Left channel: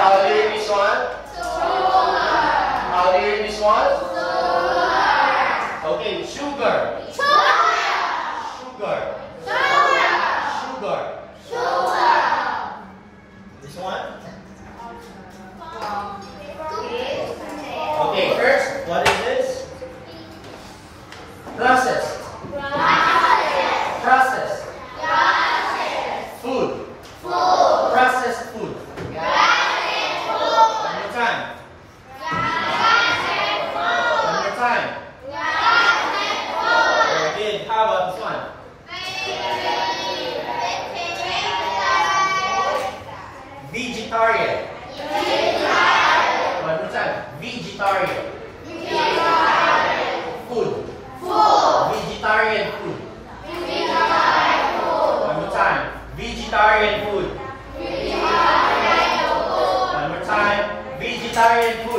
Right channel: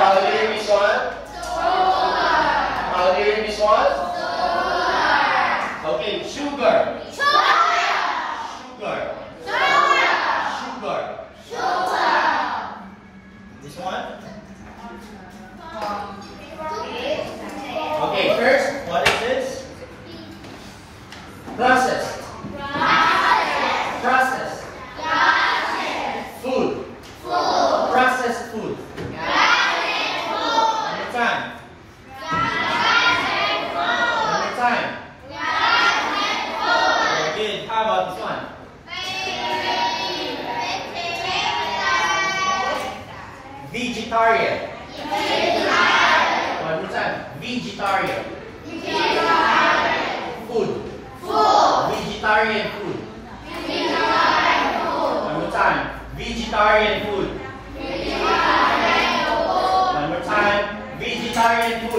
How do you read this one? How do you read this one? Okay, sugar. Sugar. This one? Okay, first, what is this? Process. Food. Processed food. One more time. Very good. How about this one? Vegetarian. One more time. Vegetarian. Food. Vegetarian food. One more time. Vegetarian food. One more time. Vegetarian food.